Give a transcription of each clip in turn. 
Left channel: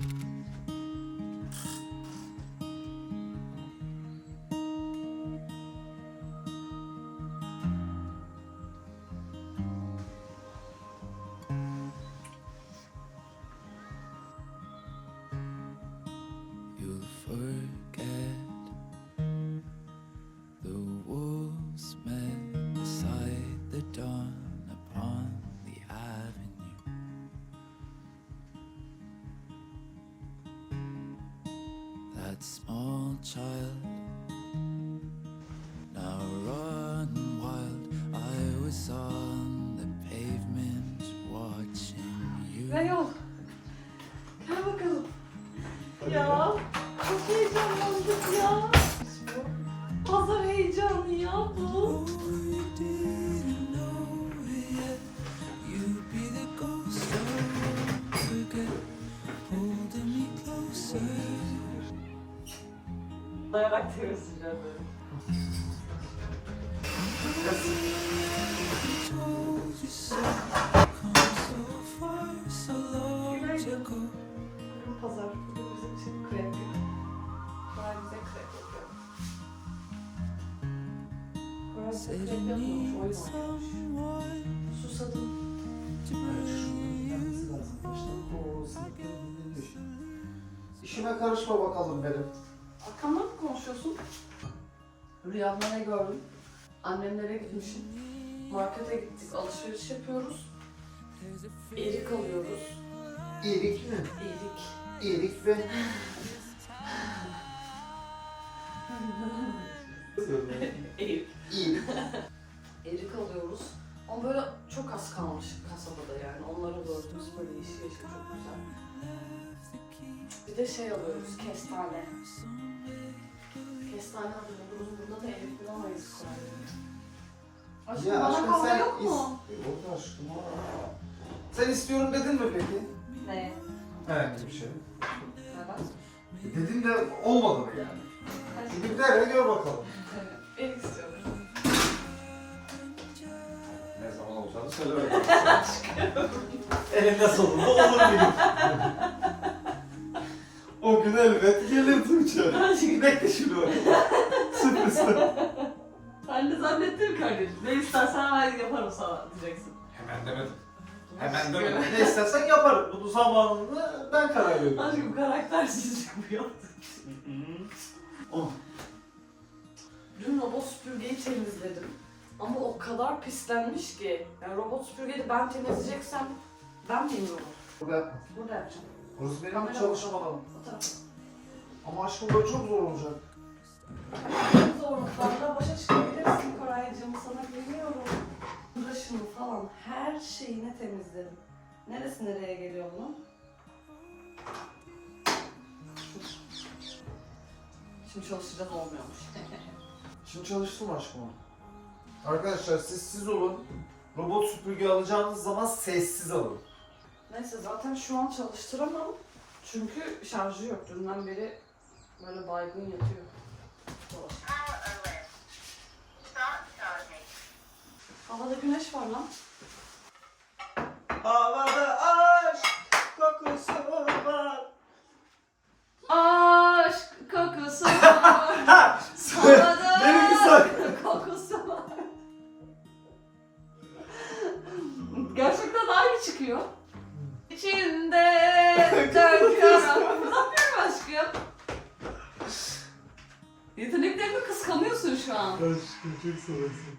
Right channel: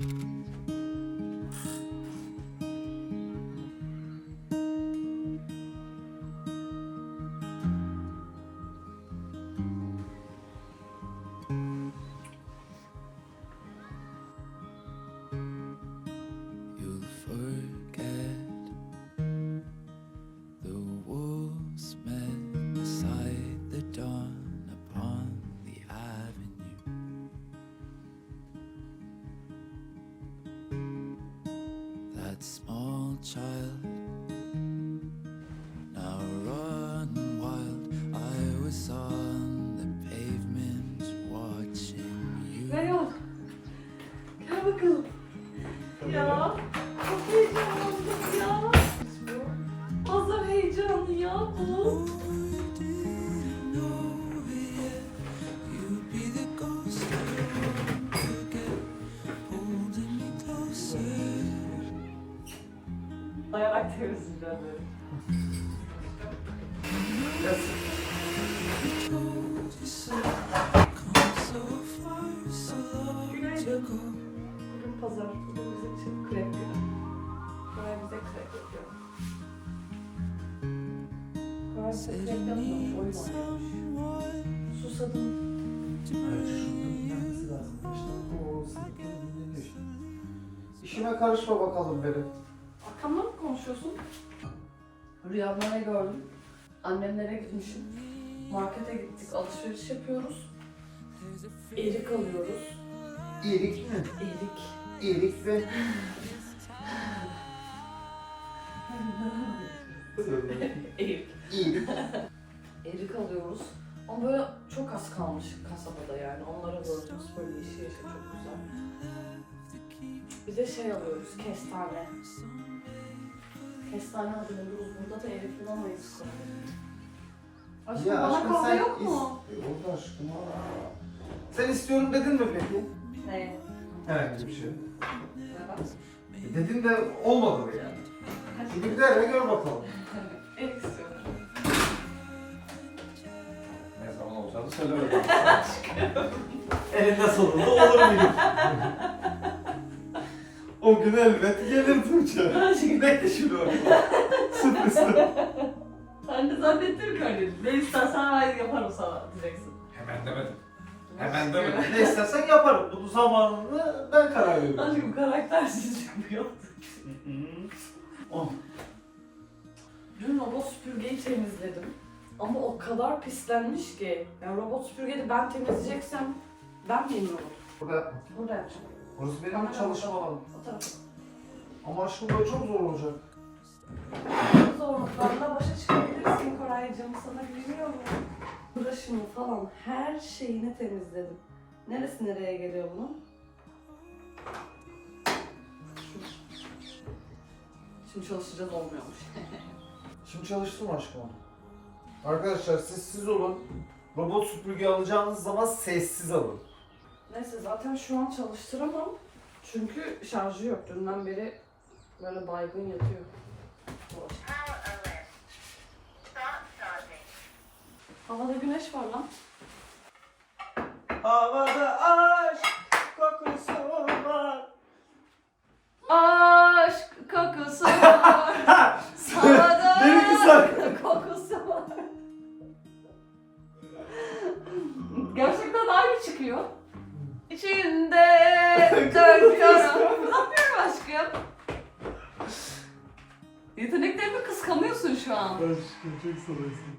Mm-hmm. That small child now run wild. I was on the pavement watching you. Reyol. Gel bakalım. Ya çok heyecanlandım ya. Pazar heyecanı ya bu. Dayanak temizleyeceğim böyle. Günaydın. Bugün pazar. Bugün bizim için krep günü. Koray bize krep yapıyor. Koray bize Said krep need Oyun Susadım. you. İşime karışma bakalım benim. Rüyamda ne gördüm? Annemlere gitmişim. Markete gittik, alışveriş yapıyoruz. Erik alıyoruz. İyilik mi? Erik. İyilik ve... Erik. İyilik. Erik alıyoruz. Ama böyle çok az kalmış kasabada yani. Onları gördünüz böyle yeşil yeşil çok güzel. Bir de şey alıyoruz, kestane. Kestane alıyoruz. Burada da erik bulamayız. Aşkım Ya bana aşkım kahve sen yok mu? is- Yok aşkım. aa. Sen istiyorum dedin mi peki? Ne? Herhangi bir şey. Evet. Dedin de olmadı mı yani? Bir de gör bakalım. Erik istiyorum. Ne zaman olacağını söyle bakalım. Elinde sonunda olur muyum? o gün elbet gelir Tuğçe. Bekle şimdi bakalım. Sürpriz. Ben de zannettim kardeşim. Ne istersen ben yaparım sana diyeceksin. Hemen demedim. Hemen demedim. Ne istersen yaparım. Bunun zamanını ben karar veriyorum. Aşkım karaktersizlik bu yaptın. Oh. Dün robot süpürgeyi temizledim. Ama o kadar pislenmiş ki. Yani robot süpürgeyi de ben temizleyeceksem ben miyim robot? Burada. Burada yapacağım. Orası benim çalışma alanım. O tarafa. Ama aşkım böyle çok zor olacak. Zorluklarla başa çıkabilirsin Koraycığım. Sana güveniyorum. Uğraşımı falan her şeyini temizledim. Neresi nereye geliyor bunun? Şimdi çalışacağız olmuyormuş. Şimdi çalıştım aşkım. Arkadaşlar siz siz olun. Robot süpürge alacağınız zaman sessiz alın. Neyse zaten şu an çalıştıramam. Çünkü şarjı yok. Dünden beri böyle baygın yatıyor. Havada güneş var lan. Havada aşk kokusu var. Aşk kokusu var. Havada güzel. kokusu var. Gerçekten aynı çıkıyor. İçinde dört kara. Fırlatmıyorum aşkım. Yeteneklerimi kıskanıyorsun şu an. Aşkım çok seversin.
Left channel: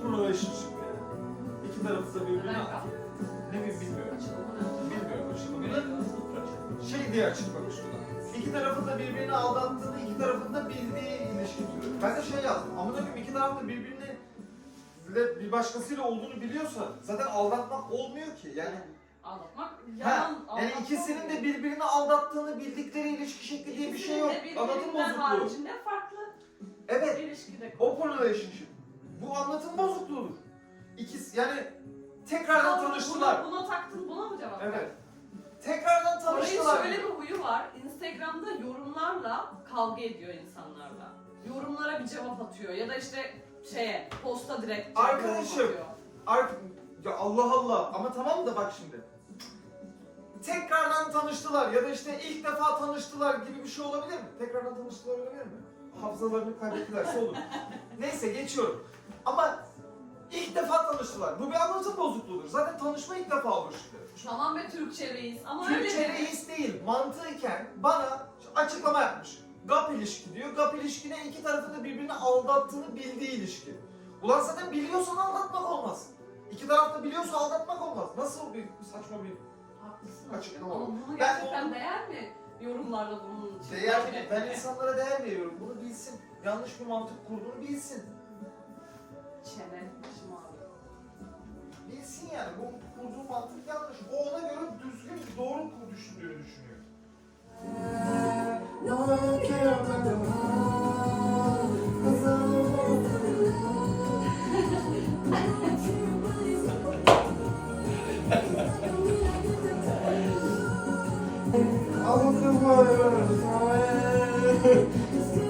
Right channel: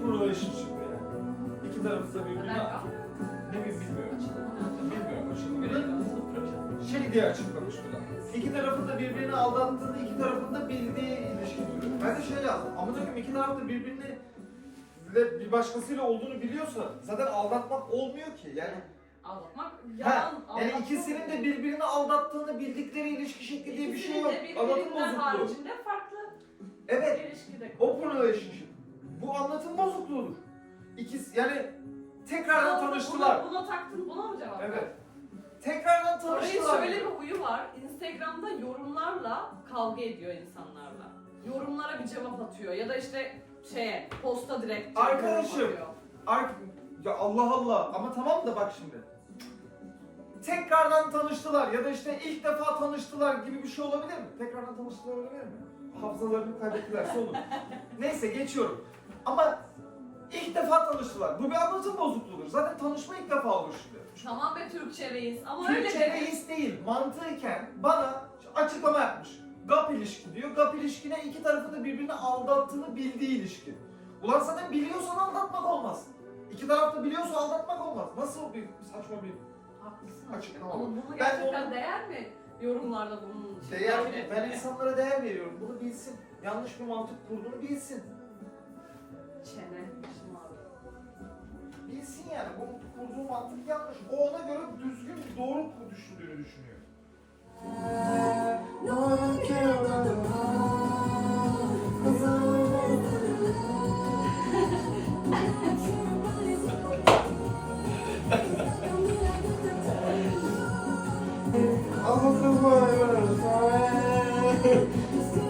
Open relationship yani. İki tarafında birbirini ne mi bilmiyorum. Bilmiyorum açıklamayı. Şey diye açıklamıştılar. İki tarafında birbirini aldattığını, iki tarafında bildiği ilişki türü. Ben de şey yazdım. Ama diyorum iki tarafında birbirini ile bir başkasıyla olduğunu biliyorsa zaten aldatmak olmuyor ki. Yani Aldatmak ha, yalan. yani aldatmak ikisinin de birbirini aldattığını bildikleri ilişki şekli diye bir şey yok. İkisinin de Anlatım birbirinden bozukluğu. haricinde farklı Evet, ilişkide. open relationship. Bu anlatım bozukluğudur. İkisi yani tekrardan tanıştılar. Buna, buna taktın, buna mı cevap verdin? Evet. Tekrardan Orayı tanıştılar. şöyle bir huyu var. Instagram'da yorumlarla kavga ediyor insanlarla. Yorumlara bir cevap atıyor ya da işte şeye posta direkt cevap Arkadaşım. atıyor. Artık ya Allah Allah ama tamam da bak şimdi. Tekrardan tanıştılar ya da işte ilk defa tanıştılar gibi bir şey olabilir mi? Tekrardan tanıştılar olabilir mi? Hafızalarını kaybettilerse olur. Neyse geçiyorum. Ama ilk defa tanıştılar. Bu bir anlatım bozukluğudur. Zaten tanışma ilk defa olur şimdi. Tamam be Türkçe reis ama öyle Türkçe deme. reis değil. Mantığıyken bana açıklama yapmış. GAP ilişki diyor. GAP ilişkine iki tarafın da birbirini aldattığını bildiği ilişki. Ulan zaten biliyorsan aldatmak olmaz. İki taraf da biliyorsa aldatmak olmaz. Nasıl bir saçma bir Haklısın. Açıklama Ama buna Ben gerçekten onu- değer mi yorumlarla bunun için? değer kavga Ben insanlara değer veriyorum. Bunu bilsin. Yanlış bir mantık kurduğunu bilsin. etkin yani. Bu kurduğu mantık yanlış. O ona göre düzgün, doğru düşündüğünü düşünüyor. I want to.